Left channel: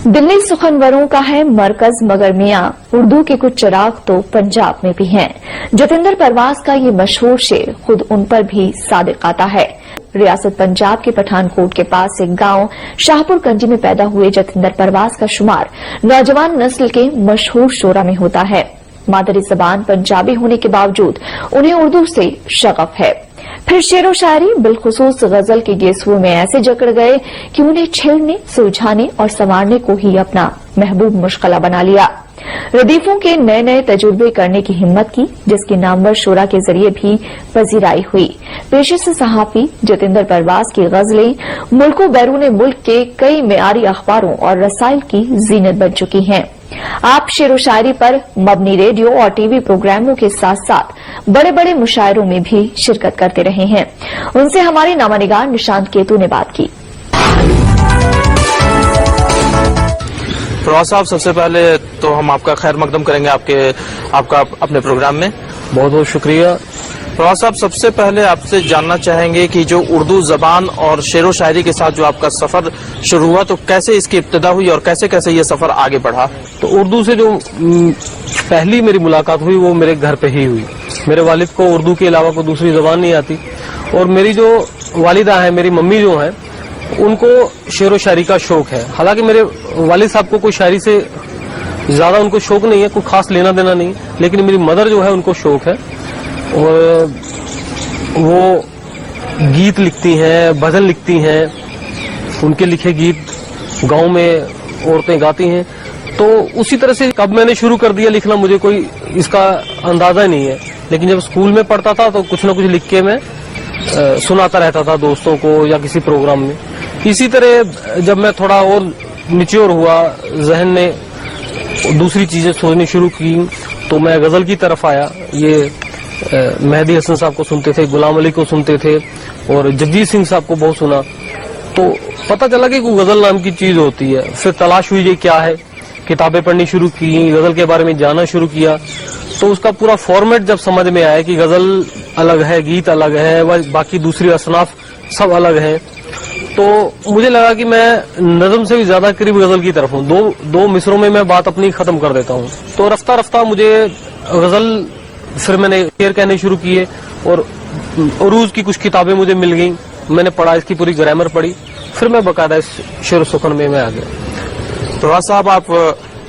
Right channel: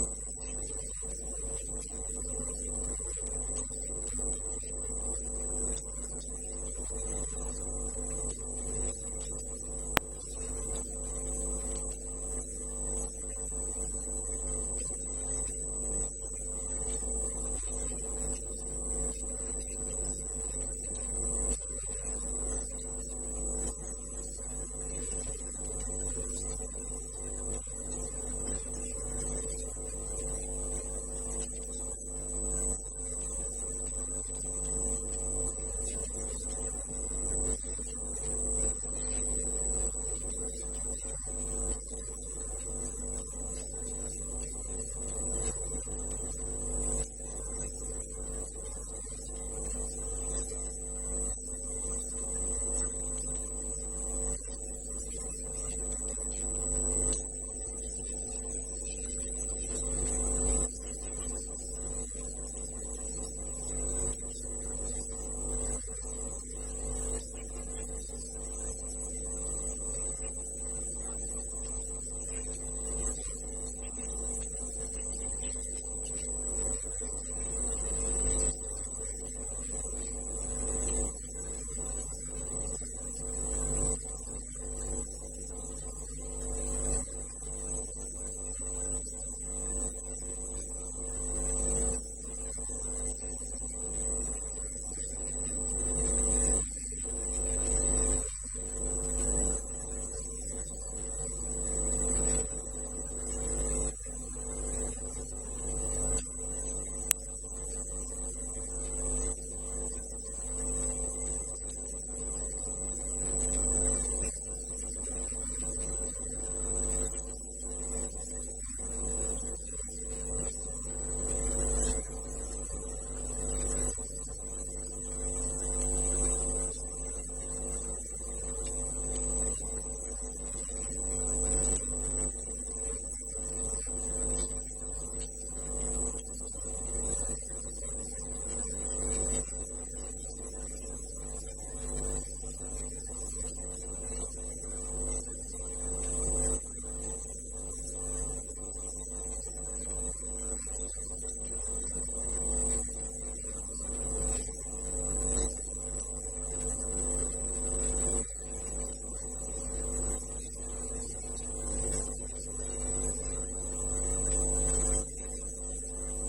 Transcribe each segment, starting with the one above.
दिल्ली सुखनवरों का है मरकज, मगर मियां उर्दू के कुछ चिराग तो पंजाब में भी हैं। जतिंदर परवाज का ये मशहूर शेर खुद उन पर भी सादिक आता है। रियासत पंजाब के पठानकोट के पास एक गांव शाहपुर कंडी में पैदा हुए जतिंदर परवाज का शुमार नौजवान नस्ल के मशहूर शोरा में होता है। मादरी जबान पंजाबी होने के बावजूद उन्हें उर्दू से शगफ है। फिर शेरो शायरी बिलखुसूस गजल के गेसुओं में ऐसे जकड़ गए कि उन्हें छेड़ने, सुलझाने और संवारने को ही अपना महबूब मुश्किला बना लिया। रदीफों के नए नए तजुर्बे करने की हिम्मत की, जिसकी नामवर शोरा के जरिए भी पजीराई हुई। पेशे से सहाफी जतिंदर परवाज की गजलें मुल्क बैरून मुल्क के कई मेयारी अखबारों और रसाइल की जीनत बन चुकी हैं। आप शेरो शायरी पर मबनी रेडियो और टीवी प्रोग्रामों के साथ साथ बड़े बड़े मुशायरों में भी शिरकत करते रहे हैं। उनसे हमारे नामानिगार निशांत केतु ने बात की। फरवाज साहब, सबसे पहले तो हम आपका खैर मकदम करेंगे आपका अपने प्रोग्राम में। बहुत बहुत शुक्रिया। फरवाज साहब, सबसे पहले आपसे जानना चाहेंगे कि जो उर्दू जबान और शेरो शायरी के साथ जो आपका सफर शुरू हुआ, तो कैसे इसकी इब्तिदा हुई और कैसे कैसे ये सफर आगे बढ़ा? तो उर्दू से जो पहली मेरी मुलाकात हुई वो मेरे घर पे ही हुई। मेरे वालिद को उर्दू के अलावा कोई दूसरी जबान नहीं आती, और मेरी जो वालिदा है, मेरी मम्मी जो है, उनको शेरो शायरी का शौक है। हालांकि मेरे वालिद साहब को कोई शायरी से ज्यादा उनको शौक नहीं है, कोई खास लेना देना नहीं, लेकिन मेरी मदर जो है उनको शौक है, और वो गीत लिखती हैं, भजन लिखती हैं। उनके लिखे गीत गांव में औरतें गाती हैं। तो उसी तरह से कब मैंने शुरू कर दिया लिखना, मुझे कोई इसका अंदाजा नहीं है, लेकिन जब स्कूल में पढ़ता था तो कुछ न कुछ लिख के मैं सुनाता रहता था दोस्तों को या किसी प्रोग्राम में। इसी तरह जब मैं थोड़ा और मैच्योर हुआ, जहन ने दूसरी चीजें सोचनी शुरू की, तो मैं गजल की तरफ आया। ये मेहदी हसन साहब को सुनते थे, गुलाम अली को सुनते थे, और जगजीत सिंह साहब को बहुत सुना। तो पता चला कि कोई गजल नाम की चीज होती है। फिर तलाश हुई ये क्या है, किताबें पढ़नी शुरू की, गजल के बारे में जानना शुरू किया। तो उसका पूरा फॉर्मेट जब समझ में आया कि गजल अलग है, गीत अलग है, बाकी दूसरी असनाफ सब अलग है, तो मुझे लगा कि मैं नज़म से भी ज्यादा करीब गजल की तरफ हूँ। दो मिसरों में मैं बात अपनी खत्म कर देता हूँ। तो रफ्ता रफ्ता मुझे गजल, फिर मैंने शेर कहने शुरू किए, और उरूज की कुछ किताबें मुझे मिल गईं। मैंने पढ़ा, इसकी पूरी ग्रामर पढ़ी, फिर मैं बकायदा इस शेर सुखन में मैं आ गया। फरवाज साहब, आप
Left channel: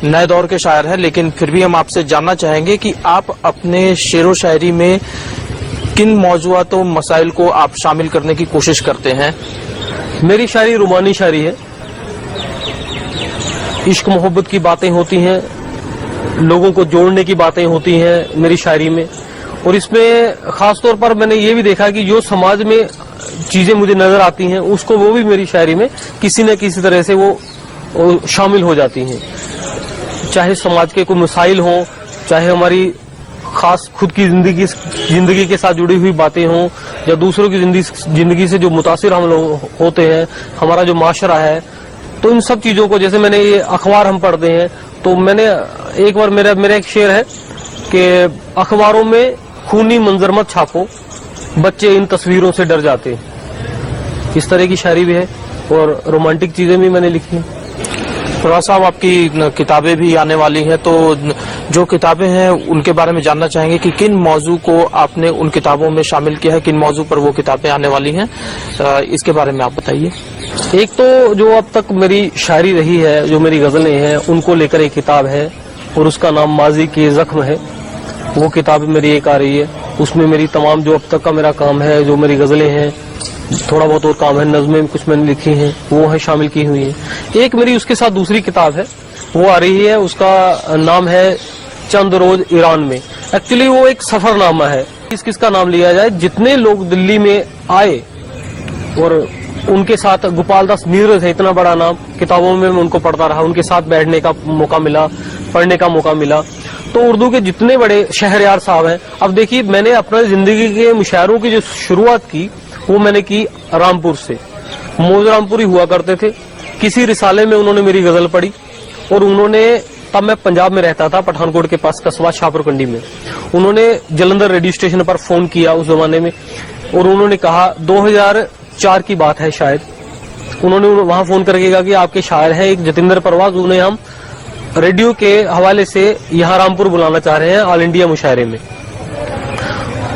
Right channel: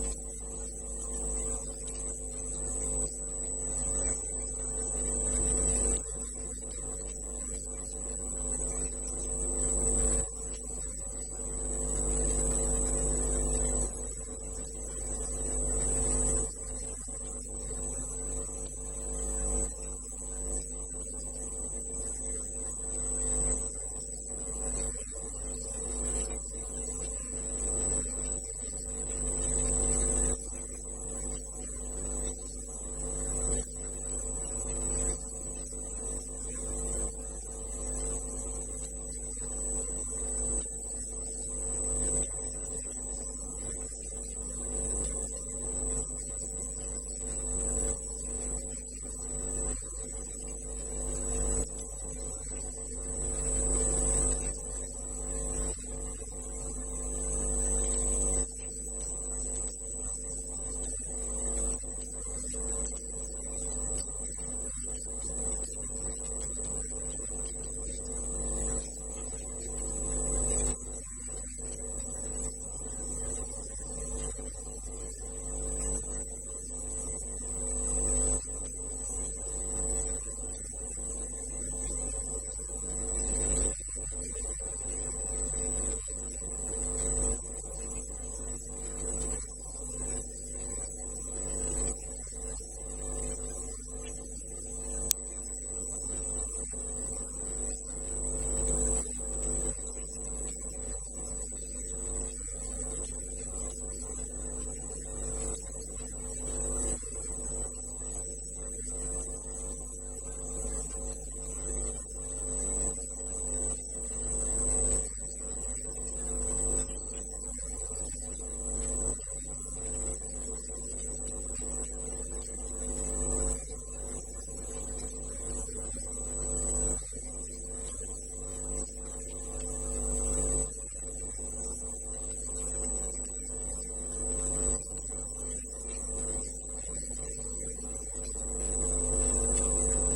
नए दौर के शायर हैं, लेकिन फिर भी हम आपसे जानना चाहेंगे कि आप अपने शेरो शायरी में किन मौजूआत और मसाइल को आप शामिल करने की कोशिश करते हैं? मेरी शायरी रुमानी शायरी है। इश्क मोहब्बत की बातें होती हैं, लोगों को जोड़ने की बातें होती हैं मेरी शायरी में। और इसमें खास तौर पर मैंने ये भी देखा कि जो समाज में चीजें मुझे नजर आती हैं, उसको वो भी मेरी शायरी में किसी न किसी तरह से वो शामिल हो जाती हैं। चाहे समाज के कोई मसाइल हों, चाहे हमारी खास खुद की जिंदगी के साथ जुड़ी हुई बातें हों, या दूसरों की जिंदगी से जो मुतासिर हम लोग होते हैं, हमारा जो माशरा है, तो इन सब चीजों को, जैसे मैंने ये अखबार हम पढ़ते हैं, तो मैंने एक बार मेरा एक शेर है कि अखबारों में खूनी मंजर मत छापो, बच्चे इन तस्वीरों से डर जाते। इस तरह की शायरी भी है, और रोमांटिक चीजें भी मैंने लिखी हैं। फरवाज साहब, आपकी किताबें भी आने वाली हैं, तो जो किताबें हैं उनके बारे में जानना चाहेंगे कि किन मौजू को आपने उन किताबों में शामिल किया है, किन मौजू पर वो किताबें आने वाली हैं, इसके बारे में आप बताइए। एक तो जो अब तक मेरी शायरी रही है, जो मेरी गजलें हैं, उनको लेकर एक किताब है, और उसका नाम माजी के जख्म है। वो किताब मेरी एक आ रही है। उसमें मेरी तमाम जो अब तक का मेरा काम है, जो मेरी गजलें हैं, थोड़ा बहुत और काम है, नज़में कुछ मैंने लिखी हैं, वो है शामिल की हुई है। एक मेरी उसके साथ दूसरी किताब है, वो आ रही है, उसका नाम है चंद रोज ईरान में। एक्चुअली वो एक सफरनामा है। किसका नाम लिया जाए, जितने लोग दिल्ली में आए और उनके साथ गोपाल दास नीरज है, इतना बड़ा नाम, किताबों में मैं उनको पढ़ता रहा, उनके साथ बैठने का मौका मिला, पढ़ने का मौका मिला। तो उर्दू के जितने बड़े शहरयार साहब हैं, अब देखिए मैंने अपना जिंदगी के मुशायरों की जो शुरुआत की, वो मैंने की रामपुर से। मौज रामपुरी हुआ करते थे, किसी रिसाले में उन्होंने मेरी गजल पढ़ी, और उन्होंने, तब मैं पंजाब में रहता था, पठानकोट के पास कस्बा शाहपुर कंडी में, उन्होंने जलंधर रेडियो स्टेशन पर फोन किया उस जमाने में, और उन्होंने कहा, 2004 की बात है शायद, انہوں نے وہاں فون کر کے کہا کہ آپ کے شاعر ہیں ایک جتیندر پرواز, انہیں ہم ریڈیو کے حوالے سے یہاں رامپور بلانا چاہ رہے ہیں آل انڈیا مشاعرے میں.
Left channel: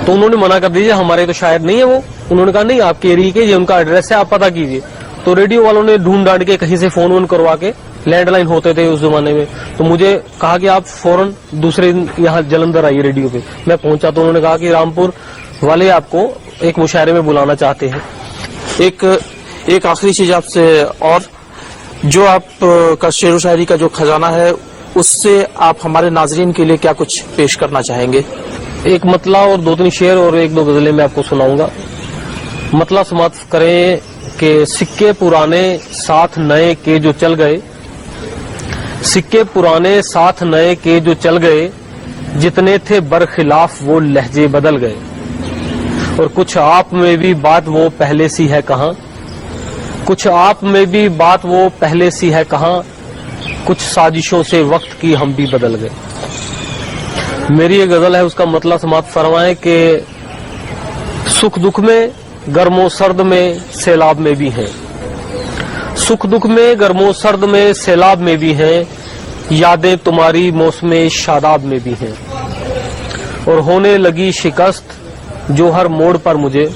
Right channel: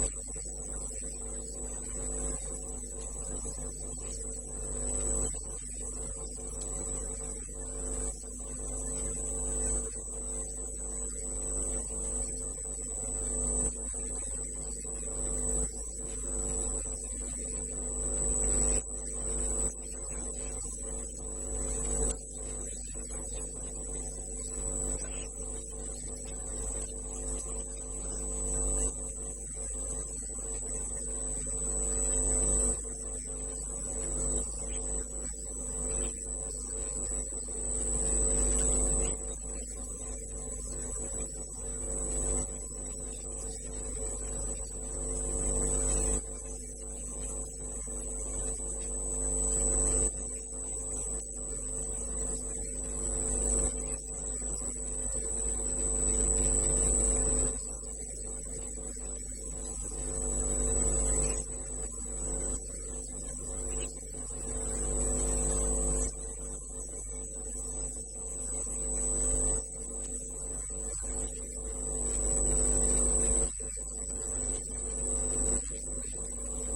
تو انہوں نے منع کر دیجیے, ہمارے تو شاعر نہیں ہے وہ. انہوں نے کہا نہیں, آپ کے ایریے کے یہ ان کا ایڈریس ہے, آپ پتہ کیجیے. تو ریڈیو والوں نے ڈھونڈ ڈانڈ کے کہیں سے فون وون کروا کے, لینڈ لائن ہوتے تھے اس زمانے میں, تو مجھے کہا کہ آپ فوراً دوسرے دن یہاں جلندھر آئیے ریڈیو پہ. میں پہنچا تو انہوں نے کہا کہ رامپور والے آپ کو ایک مشاعرے میں بلانا چاہتے ہیں. ایک آخری چیز آپ سے, اور جو آپ کا شعر و شاعری کا جو خزانہ ہے اس سے آپ ہمارے ناظرین کے لیے کیا کچھ پیش کرنا چاہیں گے؟ ایک مطلع اور 2-3 شعر اور 1-2 غزلیں میں آپ کو سناؤں گا. مطلع سماعت کریں کہ سکے پرانے ساتھ نئے کے جو چل گئے, سکے پرانے ساتھ نئے کے جو چل گئے, جتنے تھے برخلاف وہ لہجے بدل گئے. اور کچھ آپ میں بھی بات وہ پہلے سی ہے کہاں, کچھ آپ میں بھی بات وہ پہلے سی ہے کہاں, کچھ سازشوں سے وقت کی ہم بھی بدل گئے. میری یہ غزل ہے, اس کا مطلب سماعت فرمائیں کہ سکھ دکھ میں گرم و سرد میں سیلاب میں بھی ہیں, سکھ دکھ میں گرم و سرد میں سیلاب میں بھی ہیں, یادیں تمہاری موسم شاداب میں بھی ہیں. اور ہونے لگی شکست جو ہر موڑ پر مجھے,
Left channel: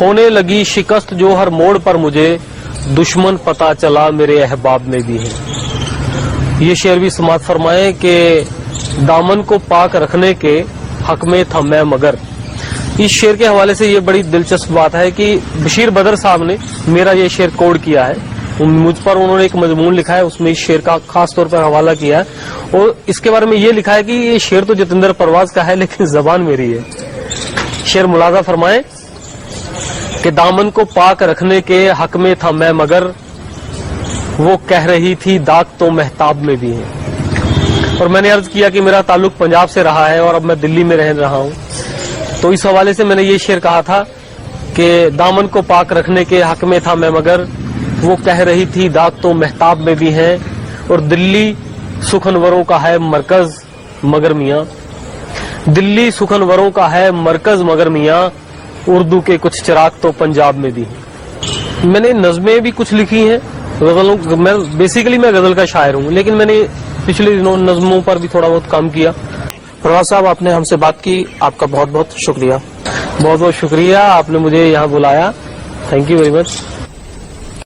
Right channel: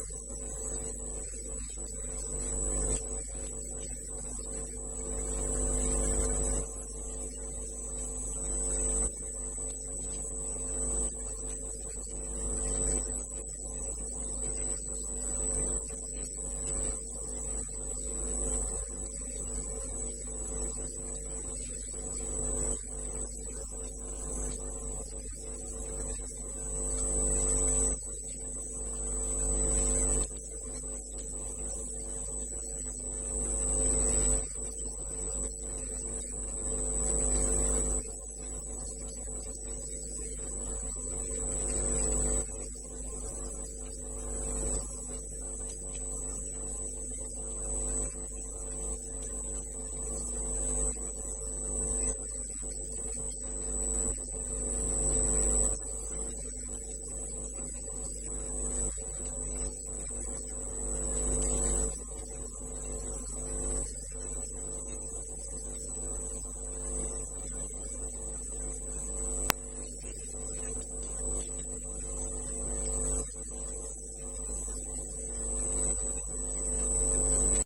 ہونے لگی شکست جو ہر موڑ پر مجھے, دشمن پتا چلا میرے احباب میں بھی ہیں. یہ شعر بھی سماعت فرمائیں کہ دامن کو پاک رکھنے کے حق میں تھا میں مگر. اس شعر کے حوالے سے یہ بڑی دلچسپ بات ہے کہ بشیر بدر صاحب نے میرا یہ شعر کوڈ کیا ہے, مجھ پر انہوں نے ایک مضمون لکھا ہے, اس میں اس شعر کا خاص طور پر حوالہ کیا ہے, اور اس کے بارے میں یہ لکھا ہے کہ یہ شعر تو جتیندر پرواز کا ہے لیکن زبان میری ہے. شعر ملاحظہ فرمائیں کہ دامن کو پاک رکھنے کے حق میں تھا میں مگر, وہ کہہ رہی تھی داغ تو مہتاب میں بھی ہے. اور میں نے عرض کیا کہ میرا تعلق پنجاب سے رہا ہے اور اب میں دلی میں رہ رہا ہوں, تو اس حوالے سے میں نے یہ شعر کہا تھا کہ دامن کو پاک رکھنے کے حق میں تھا میں مگر, وہ کہہ رہی تھی داغ تو مہتاب میں بھی ہیں. اور دلی سخنوروں کا ہے مرکز مگر میاں, دلی سخنوروں کا ہے مرکز مگر میاں, اردو کے کچھ چراغ تو پنجاب میں بھی ہیں. میں نے نظمیں بھی کچھ لکھی ہیں, غزلوں میں بیسیکلی میں غزل کا شاعر ہوں, لیکن میں نے پچھلے دنوں نظموں پر بھی تھوڑا بہت کام کیا. پرواز صاحب, آپ نے ہم سے بات کی, آپ کا بہت بہت شکریہ. بہت بہت شکریہ, آپ نے مجھے یہاں بلایا. Thank you very much.